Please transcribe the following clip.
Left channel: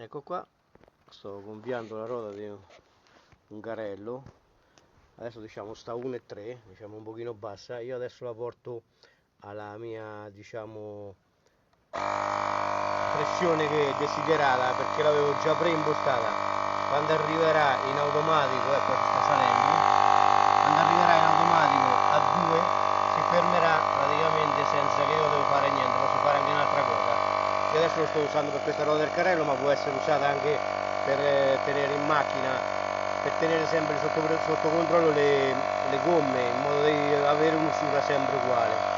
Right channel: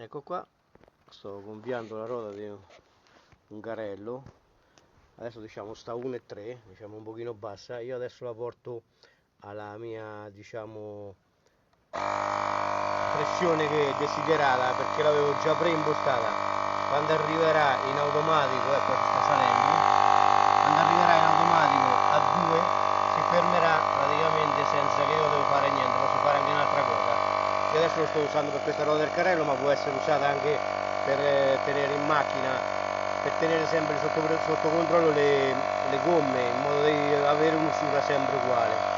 Ecco qua, sto gonfiando la ruota di un carrello. Adesso diciamo sta 1,3, diciamo un pochino bassa. Io adesso la porto alla mia, diciamo, pressione che desiderata, perché l'avevo già preimpostata. Quando arriverà in automatico, ecco si sta salendo, quando arriverà in automatico a 2 si fermerà praticamente senza che io devo fare niente. Posso fare anche un'altra cosa. Io adesso lo sto usando per questa ruota del carrello, ma può essere usata anche per tenere in macchina, per tenere sempre sotto controllo le gomme, in modo da avere un'usura sempre uguale.